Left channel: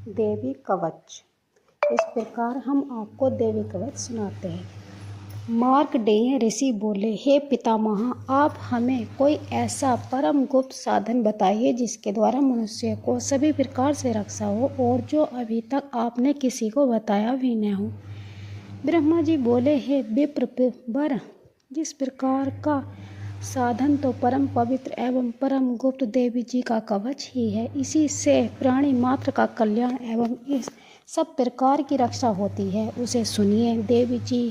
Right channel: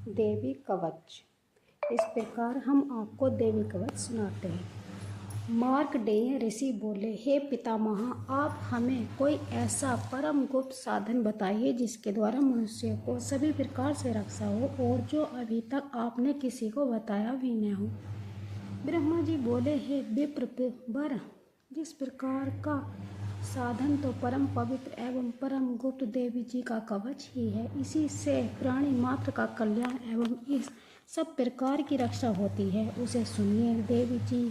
देवी कवच। इस प्रकार हम आपको देवी कवच सुनाते हैं। मार्कंडेय ऋषि बोले, हे पितामह, आप हमें कोई ऐसा परम गुप्त साधन बताइए जिसके द्वारा मनुष्य को सभी प्रकार से रक्षा हो और जो अभी तक आपने किसी को बताया भी न हो। ब्रह्मा जी बोले, हे विप्रवर, जिस प्रकार का साधन तो परम पवित्र एवं परम गुप्त देवी जी का कवच ही है। इसी से प्राणी मात्र का कल्याण एवं इस सब प्रकार की रक्षा होती है, उसे सुनिए। देवी जी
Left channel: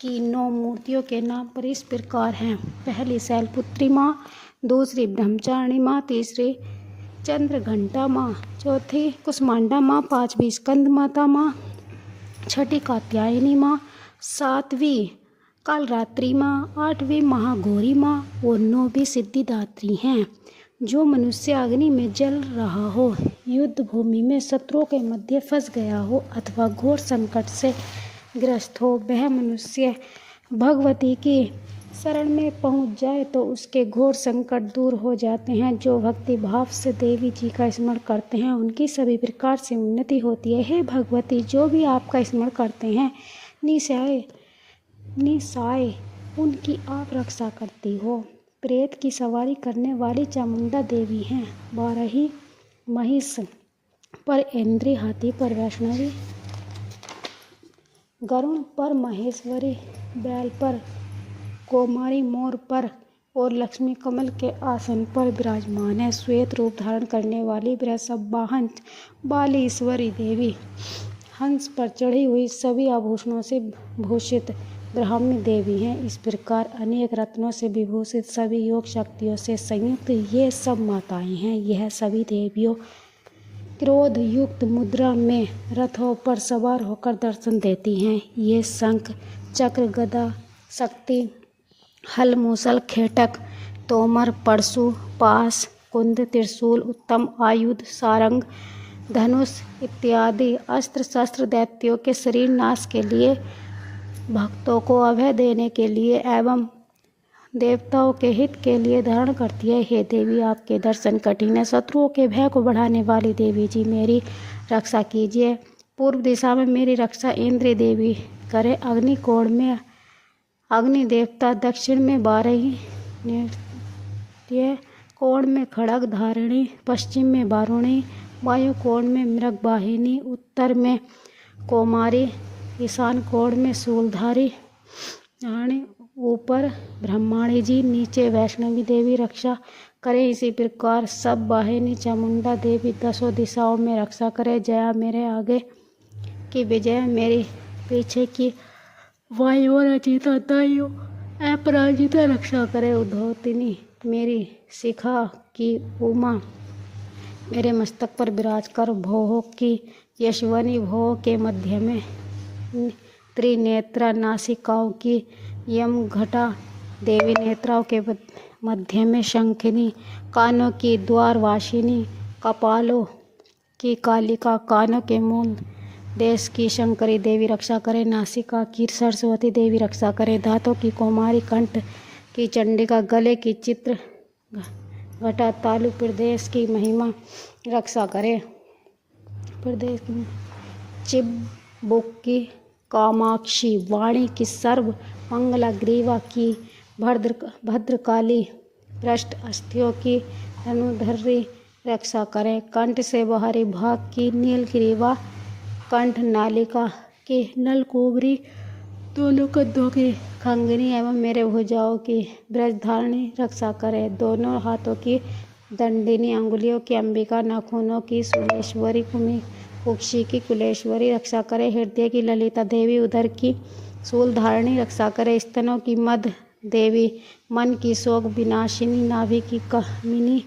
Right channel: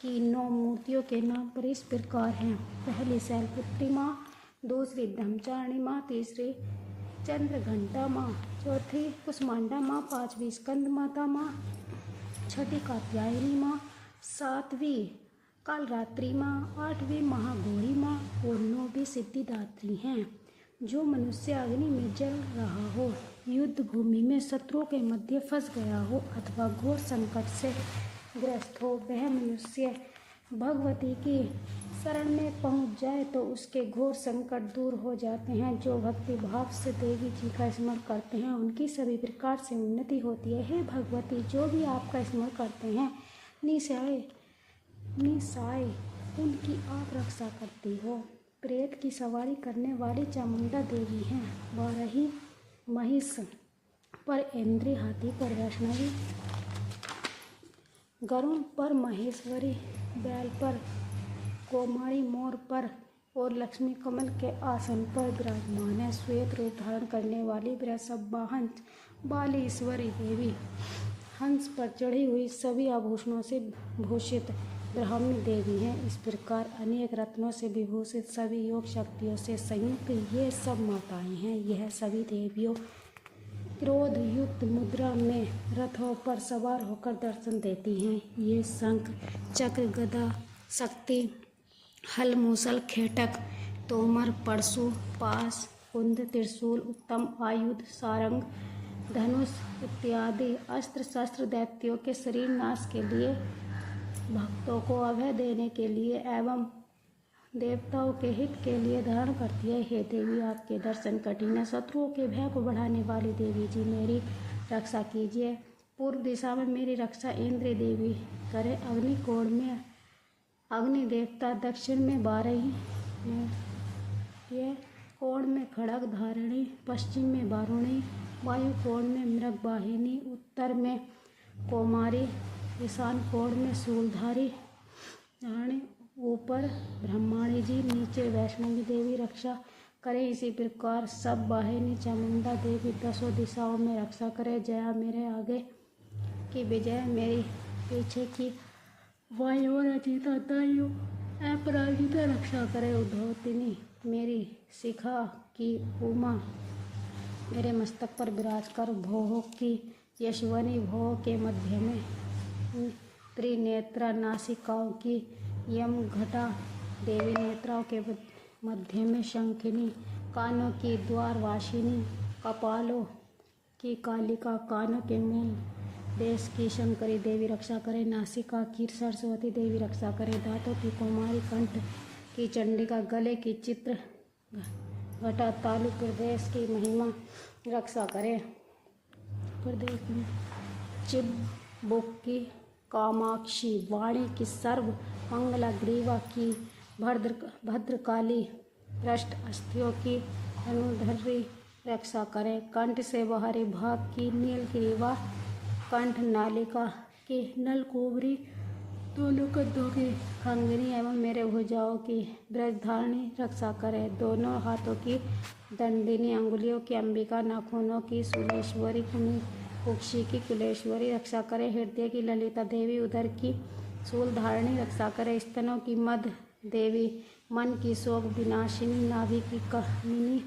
की 9 मूर्तियों के नाम पर इस प्रकार हैं। पहली शैलपुत्री माँ, दूसरी ब्रह्मचारिणी माँ, तीसरी चंद्रघंटा माँ, चौथी कुसमांडा माँ, पांचवी स्कंद माता माँ, छठी कात्यायनी माँ, सातवीं कालरात्रि माँ, आठवीं महागौरी माँ और 9वीं सिद्धिदात्री हैं। जो मनुष्य अग्नि में जल रहा हो, युद्ध भूमि में शत्रुओं के मध्य फंस गया हो अथवा घोर संकट से ग्रस्त हो, वह मनुष्य भगवती की शरण में पहुँच जाए तो उसके घोर संकट दूर हो जाते हैं। जो भक्ति भाव से देवी जी का स्मरण करते हैं उनकी सभी प्रकार से उन्नति होती है। हे भगवती, जो भी आपका स्मरण करते हैं निसाय उनकी आप रक्षा करती हो। प्रेत की सवारी करने वाली चामुंडा देवी हैं। 12 महिष पर इंद्री, हाथी पर वैष्णवी, गरुड़ पर महेश्वरी, बैल पर कौमारी, मोर पर और लक्ष्मी कमल के आसन पर विराजमान है। श्वेत रूप धारण करने वाली वृषभ वाहन वाली ईश्वरी देवी, हंस पर चढ़ी हुई, सभी आभूषणों से भूषित ब्राह्मी देवी हैं। इस प्रकार अनेक रत्नों से विभूषित, सभी योग शक्तियों से संयुक्त ये सब माताएं हैं। यह सभी देवियों क्रोध युक्त मुद्रा में रथों पर सवार होकर दर्शन देती हैं। ये शंख, चक्र, गदा, शक्ति, हल, मूसल, खेटक, तोमर, परशु, पास, कुंद, त्रिशूल, उत्तम आयुध, सारंग, धनुष इत्यादि अस्त्र शस्त्र दैत्यों के शरीर नाश के लिए, भक्तों को अभय देने के लिए एवं देवताओं के हित के लिए धारण करती है। हे देवी, आपके दर्शन कठिन है। शत्रुओं के भय को बढ़ाने वाली देवी जी, मेरी रक्षा कीजिए। पूर्व दिशा में मेरी रक्षा इंद्र देवी करे। अग्निकोण में अग्नि देवता, दक्षिण में 12 नृत्य कोण में खड़ग धारिणी, पश्चिम में वारुणी, वायु कोण में मृगवाहिनी, उत्तर में कौमारी, ईशान कोण में शूलधारी रानी, ऊपर ब्रह्माणी जी, नीचे वैष्णवी देवी रक्षा करे। इसी प्रकार सब वाहिनी चामुंडा देवी 10 दिशाओं में रक्षा करे। जया मेरे आगे की विजय, मेरी पीछे की वायु, रचिता दाइयों अपराजिता रक्षा करे। उद्धवतिनी मेरी शिखा की उमा, मेरे मस्तक पर विराज कर। भोह की यशवनी, भोह के मध्य में त्रिनेत्रा, नासिकाओं की यमघटा देवी, नेत्राओं के मध्य में शंखिनी, कानों की द्वारवासिनी, कपालों की कालिका, कानों के मूल देश की शंकरी देवी रक्षा करे। नासिका की सरस्वती देवी रक्षा करे। दांतों की कौमारी, कंठ की चंडिका, गले की चित्र घटा, तालु प्रदेश की महिमा रक्षा करे। प्रदेश की चिबुक की कामाक्षी, वाणी की सर्व मंगला, ग्रीवा की भद्रकाली, पृष्ठ अस्थियों की धनुधरी रक्षा करे। कंठ से बाहरी भाग की नीलग्रीवा, कंठ नालिका की नलकुबरी, दोनों कंधों की खंगनी एवं मेरे भुजाओं की ब्रजधारणी रक्षा करे। दोनों हाथों की दंडिनी, अंगुलियों की अंबिका, नाखूनों की शूलेश्वरी, कुक्षी की कुलेश्वरी रक्षा करे। हृदय की ललिता देवी, उदर की शूलधारिणी रक्षा करे। स्तनों की मद देवी, मन की शोक विनाशिनी, नाभि की कामिनी,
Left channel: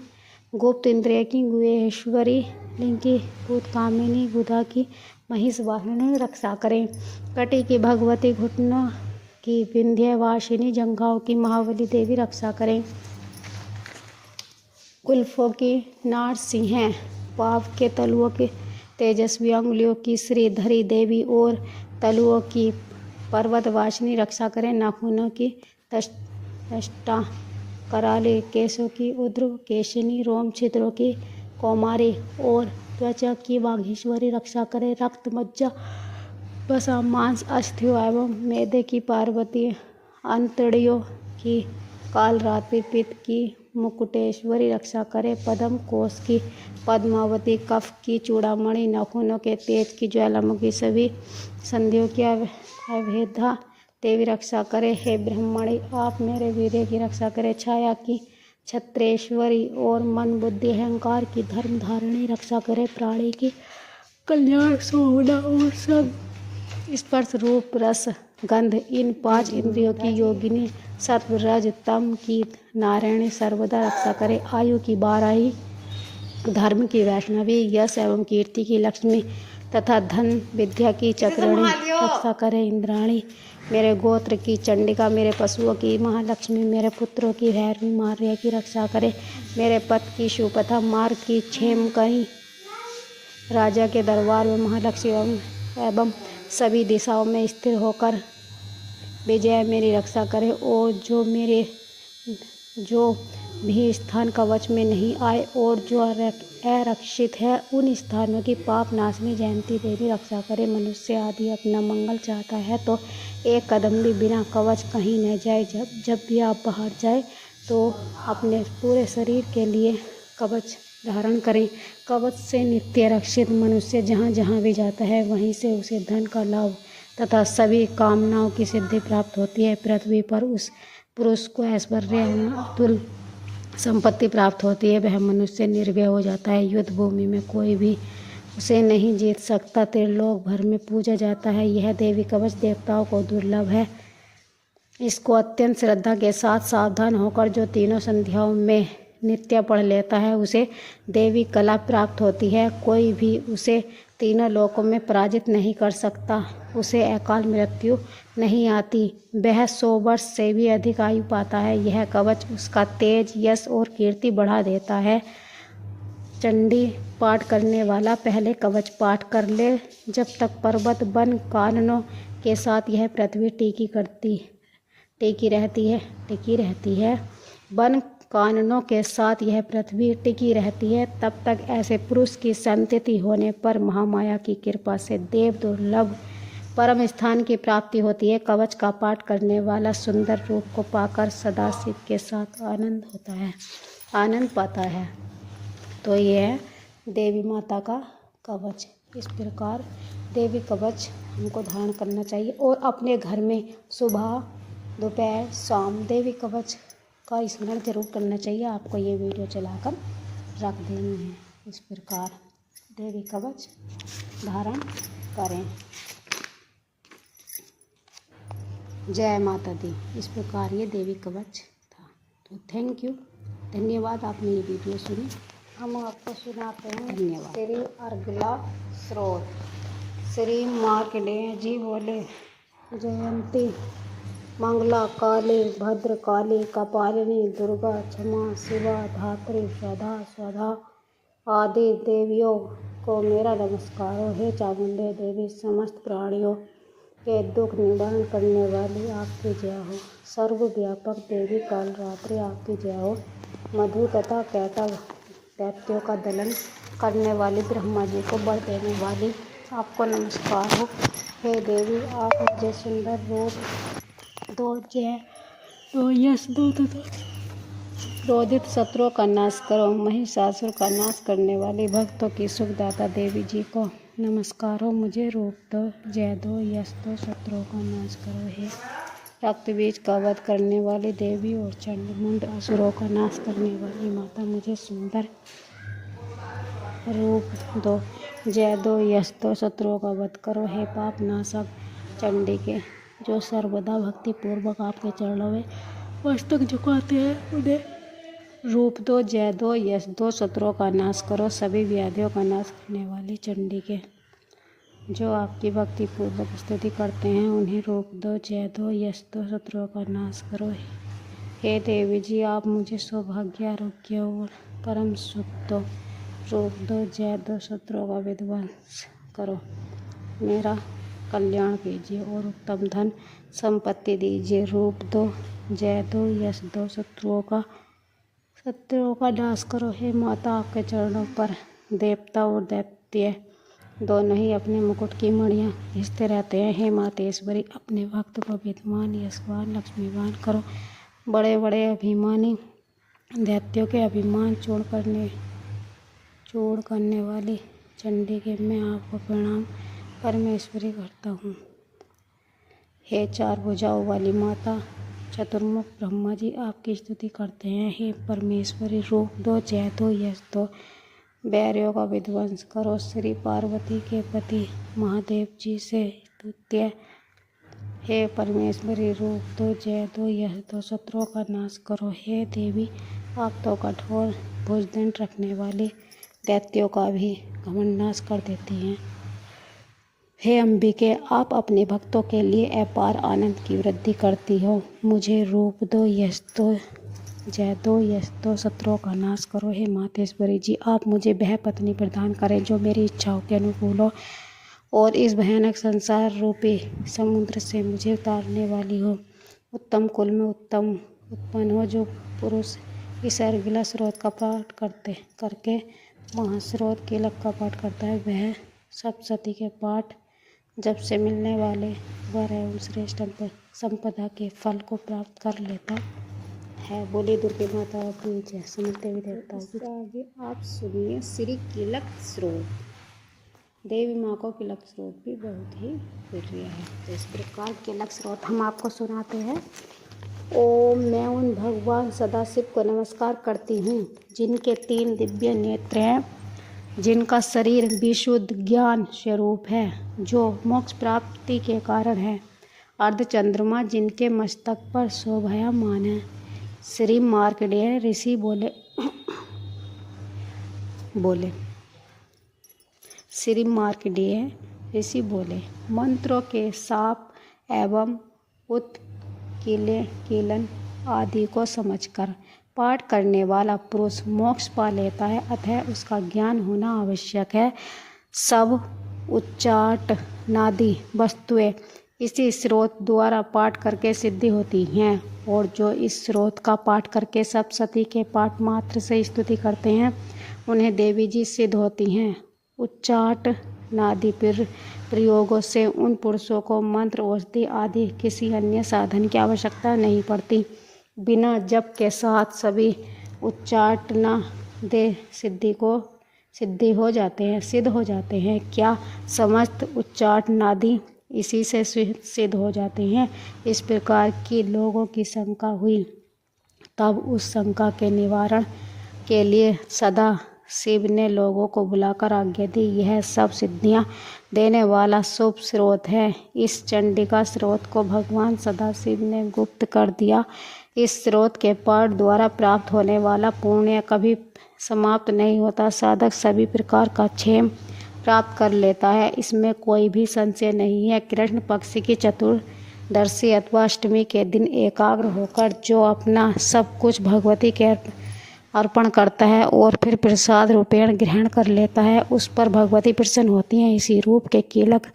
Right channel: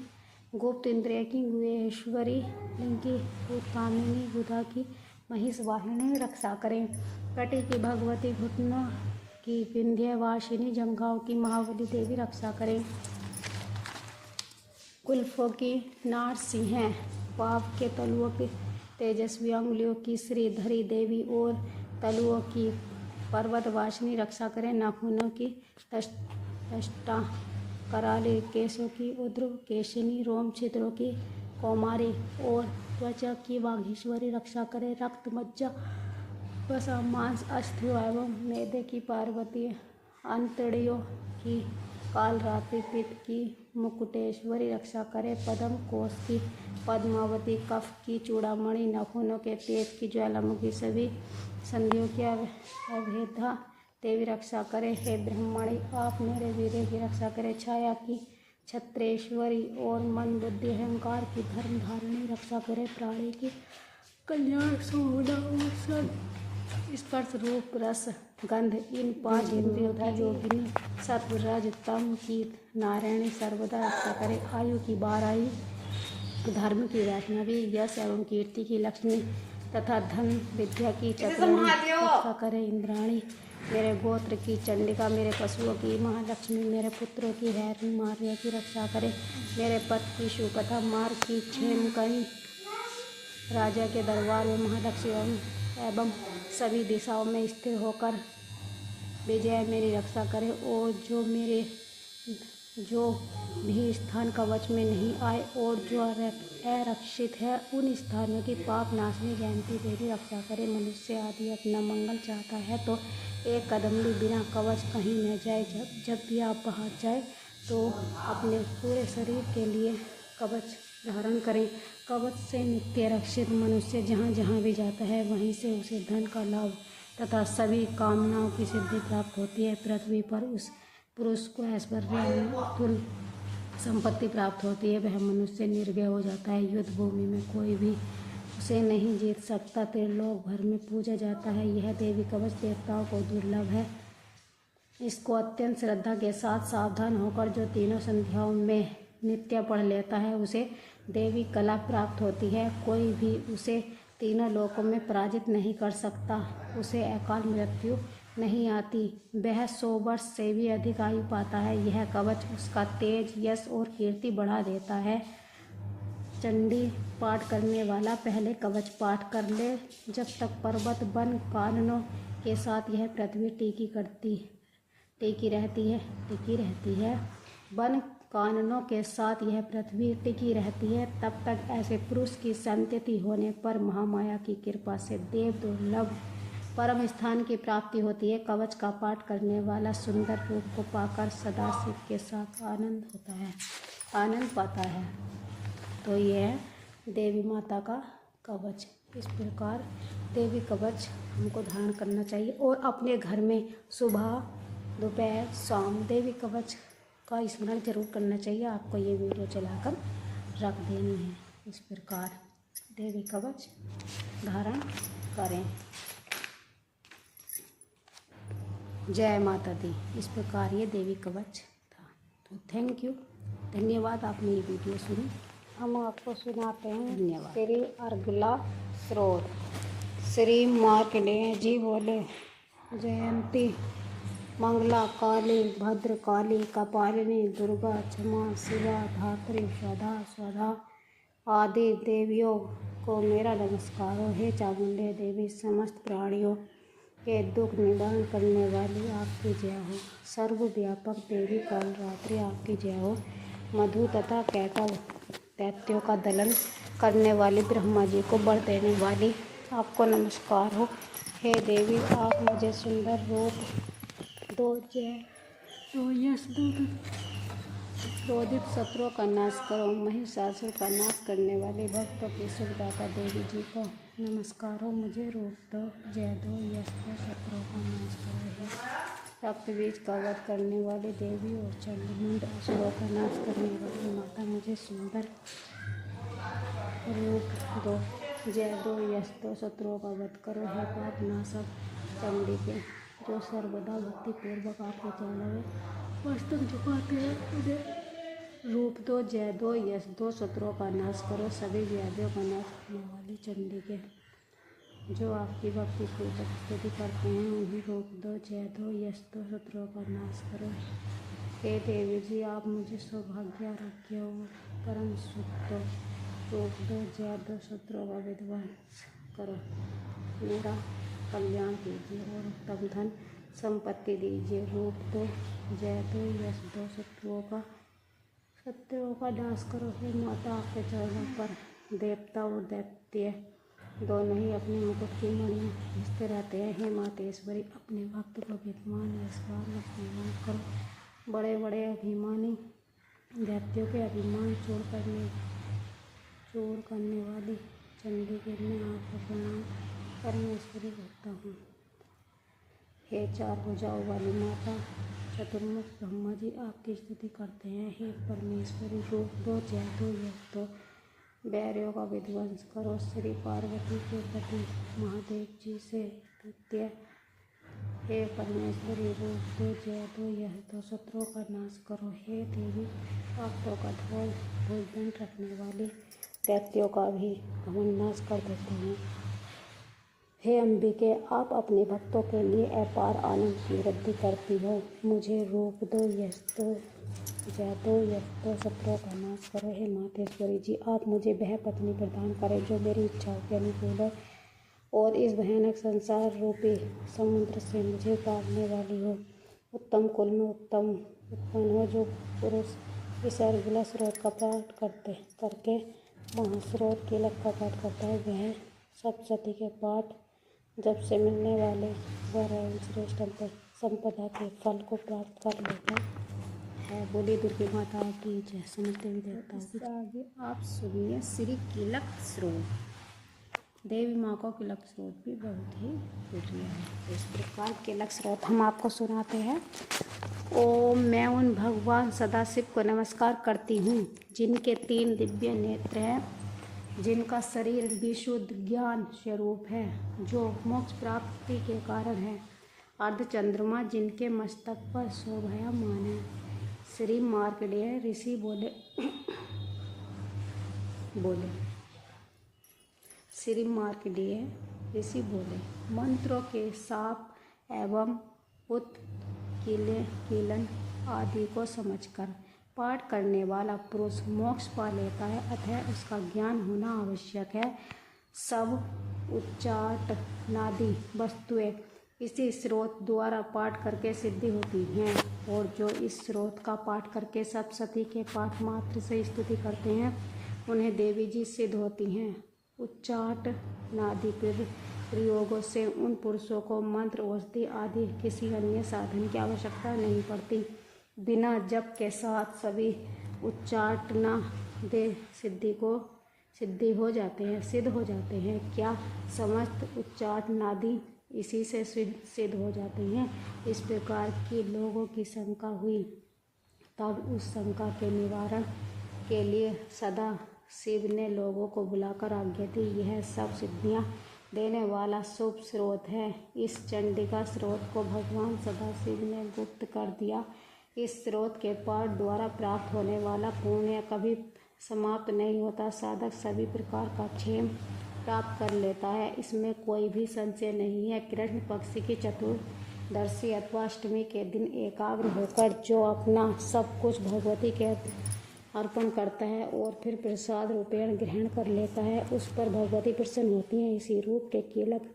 गुप्त इंद्रिय की गुहेश्वरी, लिंग की भूतकामिनी, गुदा की महिषवाहिनी रक्षा करें। कटी की भगवती, घुटनों की विंध्यवासिनी, जंघाओं की महाबली देवी रक्षा करें। कुल्फों की नारसिंह, पाव के तलुओं की तेजस्वी, अंगुलियों की श्रीधरी देवी और तलुओं की पर्वतवासिनी रक्षा करें। नाखूनों की दष्टा कराली, केशों की उद्र केशिनी, रोम छिद्रों की कौमारी और त्वचा की वाघीश्वरी रक्षा करे। रक्त मज्जा वसा मांस अस्थियों एवं मैदे की पार्वती, अंतड़ियों की कालरात्रि, पित्त की मुकुटेश्वरी रक्षा करे। पद्म कोश की पद्मावती, कफ की चूड़ामणि, नाखूनों के तेज की ज्वालामुखी, सभी संधियों की अभेदा देवी रक्षा करे। हे ब्रह्मणि, आप मेरे वीर्य की रक्षा करें। छाया की छत्रेश्वरी और मन बुद्धि अहंकार की धर्म धारणी रक्षा करे। प्राणी की कल्याण सोहना और सब स्पर्श रूप रस गंध इन 5 इंद्रियों की योगिनी, सत्व रज तम की नारायणी सर्वदा रक्षा करे। आयु की बाराही, धर्म की वैष्णवी, यश एवं कीर्ति की लक्ष्मी तथा धन विद्या की चक्राणी रक्षा करे। इंद्राणी, मेरे गोत्र की चंडिका, मेरे पशुओं की महालक्ष्मी, मेरे पुत्रों की भैरवी मार्या की रक्षा करे। मेरे पथ की सुपथा, मार्ग की क्षेम कहीं, राजा के दरबार में महालक्ष्मी एवं सभी दिशाओं में स्थिर होकर विजय मेरी रक्षा करे। और जो भी स्थान कवच में नहीं आए और जो अरक्षित है उन स्थानों की पाप नाशनी जयंती देवी रक्षा करे। मनुष्य आदि अपना मंगल चाहता है तो एक कदम भी बिना कवच कहीं न जाए। जब भी आप बाहर जाए तो अपने पूरे शरीर के लिए कवच धारण करें। कवच से नित्य रक्षित मनुष्य जहाँ जहाँ भी जाता है वहीं से उसे धन का लाभ तथा सभी कामनाओं की सिद्धि प्राप्त होती है। पृथ्वी पर उस पुरुष को ऐश्वर्य अतुल संपत्ति प्राप्त होती है। वह मनुष्य निर्भय हो जाता है। युद्ध भूमि में कोई भी उसे नहीं जीत सकता। त्रिलोक भर में पूजा जाता है। यह देवी कवच देवताओं को दुर्लभ है। इसको अत्यंत श्रद्धा के साथ सावधान होकर जो तीनों संध्याओं में नित्य पढ़ लेता है उसे देवी कला प्राप्त होती है। कोई भी उसे तीनों लोकों में पराजित नहीं कर सकता। उसे अकाल मृत्यु नहीं आती। वह 100 वर्ष से भी अधिक आयु पाता है। यह कवच उसका तेज, यश और कीर्ति बढ़ा देता है। चंडी पाठ करने वाला पहले कवच पाठ कर ले। जब तक पर्वत वन काननों के साथ यह पृथ्वी टिकी रहती है वन काननों के साथ यह पृथ्वी टिकी रहती है, तब तक ऐसे पुरुष की संतति होने पर महामाया की कृपा से देव दुर्लभ परम स्थान की प्राप्ति होती है। कवच का पाठ करने वाला सुंदर रूप को पाकर सदाशिव के साथ आनंद पाता है। तो ये है देवी माता का कवच। इस प्रकार देवी कवच हमको धारण करना चाहिए और अपने घर में सुबह दोपहर शाम देवी कवच का स्मरण जरूर करना चाहिए। आपको ये वीडियो चलाकर रख देनी है। इस प्रकार देवी कवच धारण करें। जय माता दी। इस प्रकार ये देवी कवच था। तो थैंक यू, धन्यवाद आपने ये वीडियो सुनी। हम आपको सुनाते हैं। धन्यवाद। श्री अर्गला स्रोत। श्री मार्कंडेय जी बोले, जयंती मंगला काली भद्रकाली कपालिनी दुर्गा क्षमा शिवा धात्री स्वधा स्वधा आदि देवियों को मेरा नमस्कार हो। हे चामुंडे देवी, समस्त प्राणियों के दुख निवारण करने वाली आपकी जय हो। सर्वव्यापक देवी कालरात्रि आपकी जय हो। मधु तथा कैकव दैत्यों का दलन करने वाली ब्रह्मा जी को वर देने वाली आपको नमस्कार हो। हे देवी, आप मुझे सुंदर रूप दो, जय दो, यश दो तथा क्रोधित शत्रुओं का नाश करो। महिषासुर का नाश करने वाली भक्तों की सुखदाता देवी जी को नमस्कार हो। मुझे रूप दो, जय दो, यश दो, शत्रुओं का नाश करो। हे रक्त बीज का वध करने वाली देवी और चंडमुंड असुरों का नाश करने वाली माता, मुझे सुंदर रूप दो, जय दो, यश दो, शत्रुओं का वध करो। हे पाप नाशक चंडी के जो सर्वदा भक्ति पूर्वक आपके चरणों में मस्तक झुकाते हैं, उन्हें रूप दो, जय दो, यश दो, शत्रुओं का नाश करो। सभी व्याधियों का नाश करने वाली चंडी के जो आपकी भक्ति पूर्वक स्तुति करते हैं, उन्हें रूप दो, जय दो, यश दो, शत्रुओं का नाश करो। हे देवी जी, आप मुझे सौभाग्य, आरोग्य और परम सुख दो। रूप दो, जय दो, शत्रुओं का विध्वंस करो। मेरा कल्याण कीजिए और उत्तम धन संपत्ति दीजिए। रूप दो, जय दो, यश दो, शत्रुओं का नाश करो। हे माता, आपके चरणों पर देवता और स्तुत्य दोनों ही अपने मुकुट की मणियाँ खींचते रहते हैं। हे मातेश्वरी, अपने भक्त को विद्वान, यशवान, लक्ष्मीवान करो। बड़े बड़े अभिमानी दैत्यों के अभिमान चूर्ण करने वाली चंडी के मैं आपको प्रणाम परमेश्वरी करता हूँ। हे चार भुजाओं वाली माता चतुर्मुख ब्रह्मा जी आपकी स्तुति करते हैं। हे परमेश्वरी, रूप दो, जय दो, यश दो, बैरियों का विध्वंस करो। श्री पार्वती के पति महादेव जी से स्तुत्य। हे परमेश्वरी, रूप दो, जय दो, यश दो, शत्रुओं का नाश करो। हे देवी, आप तो कठोर भुजदंड रखने वाली दैत्यों का भी घमंड नाश कर देती हैं। हे अंबिके, आप अपने भक्तों के लिए अपार आनंद की वृद्धि करती हो। मुझे रूप दो, यश दो, जय दो, यश दो, शत्रुओं का नाश करो। हे मातेश्वरी जी, आप मुझे वह पत्नी प्रदान करें जो मेरी इच्छाओं के अनुकूल हो और इस भयानक संसार रूपी समुद्र से मुझे उतारने वाली हो। उत्तम कुल में उत्पन्न हो, जो पुरुष इस अर्गिला स्रोत का पाठ करके महास्रोत कीलक का पाठ करता है, वह सप्तशती के पाठ जब से मिलने वाले वर एवं श्रेष्ठ संपदा के फल को प्राप्त कर लेता है। बोले दुर्गे माता की जय। समझते हुए देवता आगे आप सुनिए श्री कीलक स्रोत। देवी माँ को कीलक स्रोत भी बहुत ही प्रिय है। तो इस प्रकार कीलक स्रोत हम आपको सुनाते हैं। ओम, मैं उन भगवान सदाशिव को नमस्कार करती हूँ जिनके 3 दिव्य नेत्र हैं, जिनका शरीर विशुद्ध ज्ञान स्वरूप है, जो मोक्ष प्राप्ति के कारण है। अर्धचंद्रमा जिनके मस्तक पर शोभायमान है। श्री मार्कंडेय ऋषि श्री मार्कंडेय ऋषि बोले, मंत्रों के साप एवं उत्कीलन आदि को समझकर पाठ करने वाला पुरुष मोक्ष पा लेता है, अतः उसका ज्ञान होना आवश्यक है। सब उच्चाटनादि वस्तुएं इसी स्रोत द्वारा पाठ करके सिद्धि होती हैं, और जो इस स्रोत का पाठ करके सप्तशती के पाठ मात्र से स्तुति करते हैं, उन्हें देवी जी सिद्ध होती हैं। उच्चाटनादि प्रयोगों से उन पुरुषों को मंत्र, औषधि आदि किसी अन्य साधन की आवश्यकता नहीं पड़ती। बिना जप के साथ सभी उच्चाटना दे सिद्ध हो जाते हैं। क्या समस्त उच्चाटनादि इसी से सिद्ध हो जाते हैं? इस प्रकार की लोगों की शंका हुई। तब उस शंका के निवारण के लिए सदा शिव ने लोगों को बुलाकर आज्ञा दी, यह सब सिद्धियां देने वाला शुभ स्रोत है। इस चंडिका स्रोत को भगवान सदाशिव ने गुप्त कर दिया। इस स्रोत के पाठ द्वारा प्राप्त होने वाला पुण्य कभी समाप्त नहीं होता। साधक सभी प्रकार का क्षेम प्राप्त कर लेता है, इसमें कोई भी संशय नहीं है। कृष्ण पक्ष की चतुर्दशी अथवा अष्टमी के दिन एकाग्र होकर जो अपना सब कुछ भगवती के अर्पण करता है और फिर प्रसाद रूपेण ग्रहण कर लेता है, उस पर भगवती प्रसन्न होती हैं। इसी रूप के कीलक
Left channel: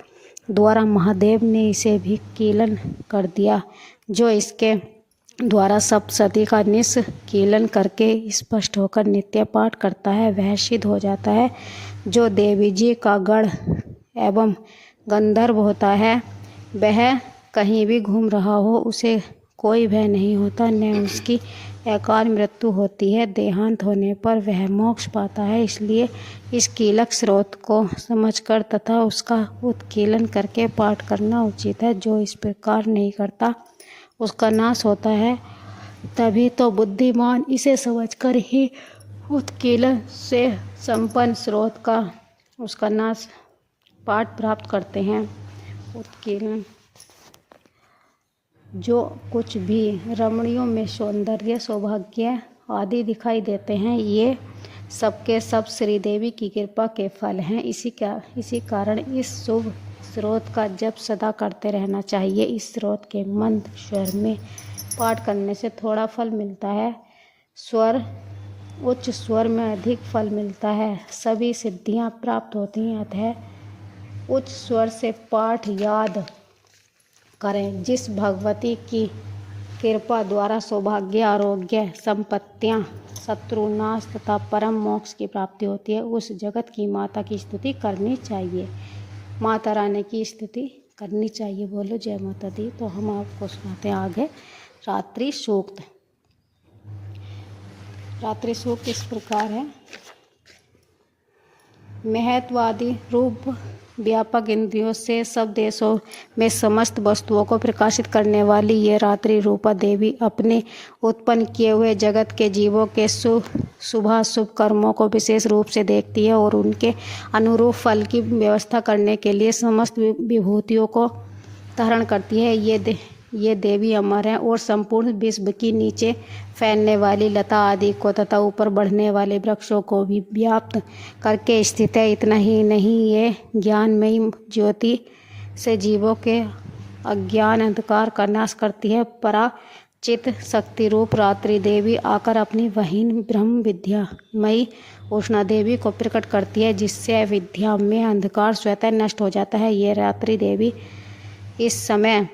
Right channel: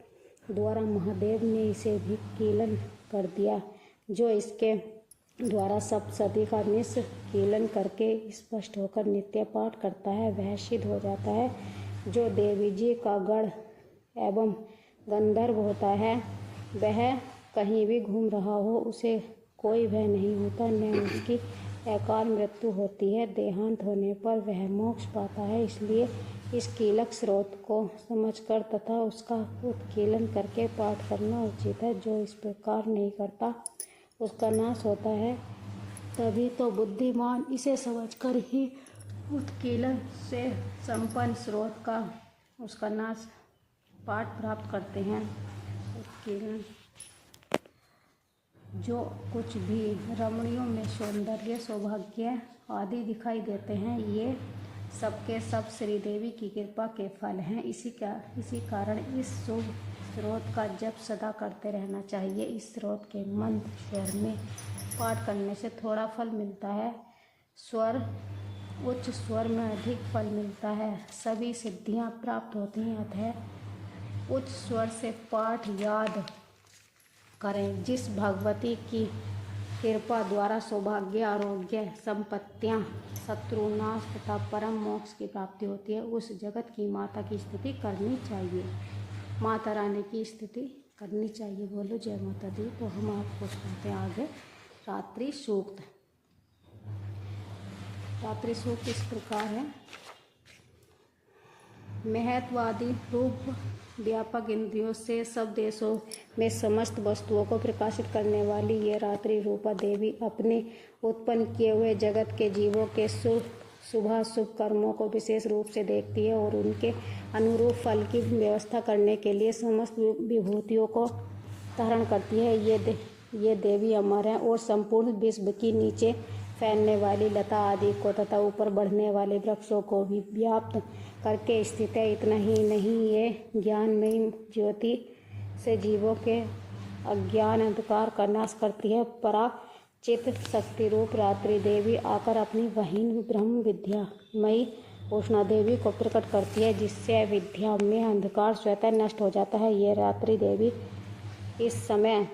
द्वारा महादेव ने इसे भी कीलन कर दिया। जो इसके द्वारा सप्तशती का निष्कीलन करके स्पष्ट होकर नित्य पाठ करता है, वह सिद्ध हो जाता है। जो देवी जी का गण एवं गंधर्व होता है, वह कहीं भी घूम रहा हो, उसे कोई भय नहीं होता, न उसकी अकाल मृत्यु होती है। देहांत होने पर वह मोक्ष पाता है। इसलिए इस कीलक स्रोत को समझकर तथा उसका उत्कीलन करके पाठ करना उचित है। जो इस प्रकार नहीं करता, उसका नाश होता है। तभी तो बुद्धिमान इसे समझकर ही उत्कीलन से संपन्न स्रोत का उसका नाश पाठ प्राप्त करते हैं। उत्कीलन जो कुछ भी रमणियों में सौंदर्य, सौभाग्य आदि दिखाई देते हैं, ये सबके सब श्रीदेवी की कृपा के फल हैं। इसी कारण इस शुभ स्रोत का जप सदा करते रहना चाहिए। इस स्रोत के मंद स्वर में पाठ करने से थोड़ा फल मिलता है, उच्च स्वर में अधिक फल मिलता है। सभी सिद्धियां प्राप्त होती हैं, अतः उच्च स्वर से पाठ याद करें। जिस भगवती की कृपा द्वारा सौभाग्य, आरोग्य, संपत्तियां, शत्रुनाश तथा परम मोक्ष की प्राप्ति होती है, उस जगत की माता की स्तुति करनी चाहिए। माता रानी की स्तुति करनी चाहिए। बोलो जय माता दी। तो हम आपको सुनाते हैं आगे रात्रि सूक्त। रात्रि सूक्त इस प्रकार है। महत्वादी रूप व्यापक इंद्रियों से सब देशों में समस्त वस्तुओं को प्रकाशित करने वाली ये रात्रि रूपा देवी अपने उत्पन्न किए हुए जगत के जीवों के शुभाशुभ कर्मों को विशेष रूप से देखती है और उनके अनुरूप फल की व्यवस्था करने के लिए समस्त विभूतियों को धारण करती है। ये देवी अमर है और संपूर्ण विश्व की नीचे फैलने वाली लता आदि को तथा ऊपर बढ़ने वाले वृक्षों को भी व्याप्त करके स्थित है। इतना ही नहीं, ये ज्ञानमयी ज्योति से जीवों के अज्ञान अंधकार का नाश करती है। पराचित शक्ति रूप रात्रि देवी आकर अपनी वहीन ब्रह्म विद्यामयी उष्णा देवी को प्रकट करती है, जिससे विद्या में अंधकार स्वतः नष्ट हो जाता है। ये रात्रि देवी इस समय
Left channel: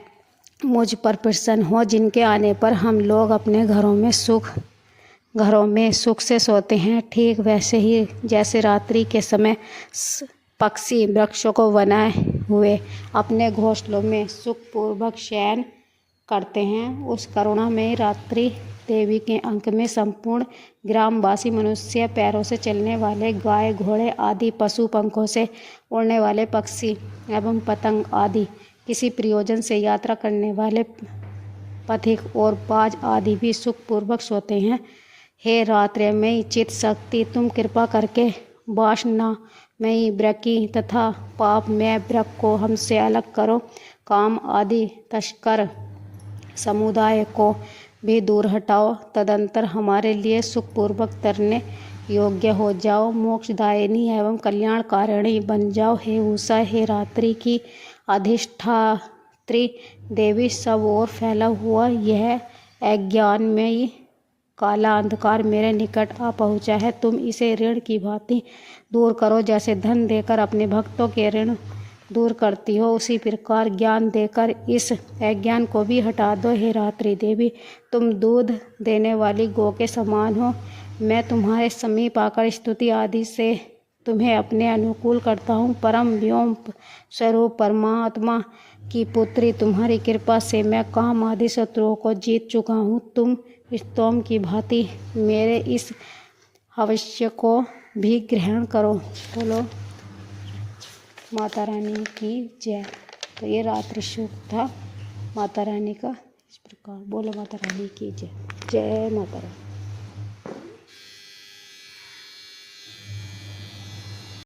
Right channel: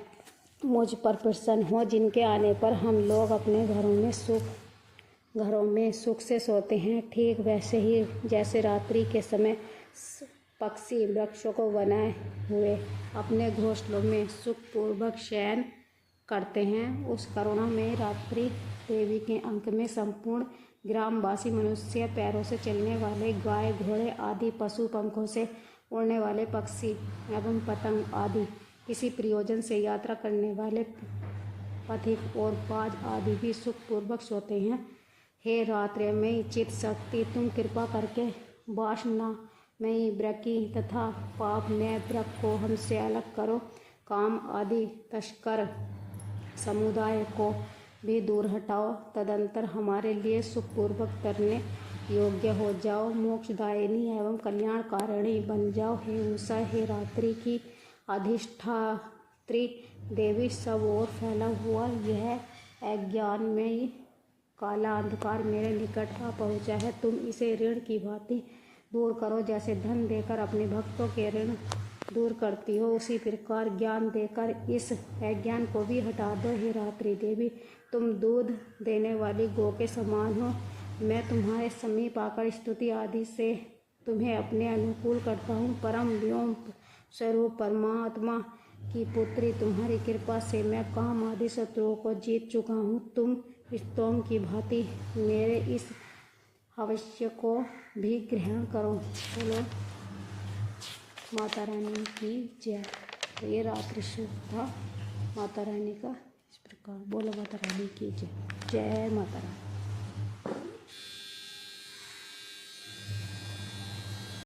मुझ पर प्रसन्न हो, जिनके आने पर हम लोग अपने घरों में सुख से सोते हैं। ठीक वैसे ही जैसे रात्रि के समय पक्षी वृक्षों को बनाए हुए अपने घोंसलों में सुखपूर्वक शयन करते हैं, उस करुणा में रात्रि देवी के अंक में संपूर्ण ग्रामवासी मनुष्य, पैरों से चलने वाले गाय घोड़े आदि पशु, पंखों से उड़ने वाले पक्षी एवं पतंग आदि, किसी प्रयोजन से यात्रा करने वाले पथिक और बाज आदि भी सुखपूर्वक सोते हैं। हे रात्रिमयी चित शक्ति, तुम कृपा करके वासनामयी वृक्की तथा पापमय वृक्क को हमसे अलग करो। काम आदि तस्कर समुदाय को भी दूर हटाओ। तदंतर हमारे लिए सुखपूर्वक तरने योग्य हो जाओ। मोक्षदायिनी एवं कल्याणकारिणी बन जाओ। हे उषा, हे रात्रि की अधिष्ठात्री देवी, सब ओर फैला हुआ यह अज्ञानमयी काला अंधकार मेरे निकट आ पहुँचा है। तुम इसे ऋण की भांति दूर करो। जैसे धन देकर अपने भक्तों के ऋण दूर करती हो, उसी प्रकार ज्ञान देकर इस अज्ञान को भी हटा दो। हे रात्रि देवी, तुम दूध देने वाली गौ के समान हो। मैं तुम्हारे समीप आकर स्तुति आदि से तुम्हें अपने अनुकूल करता हूँ। परम व्योम स्वरूप परमात्मा की पुत्री, तुम्हारी कृपा से मैं काम आदि शत्रुओं को जीत चुका हूँ। तुम स्तोम की भांति मेरे इस अवश्य को भी ग्रहण करो। बोलो माता रानी की जय। तो ये रात्रि सूक्त था माता रानी का इस प्रकार। बोलो माता रानी की जय। जय माता रानी।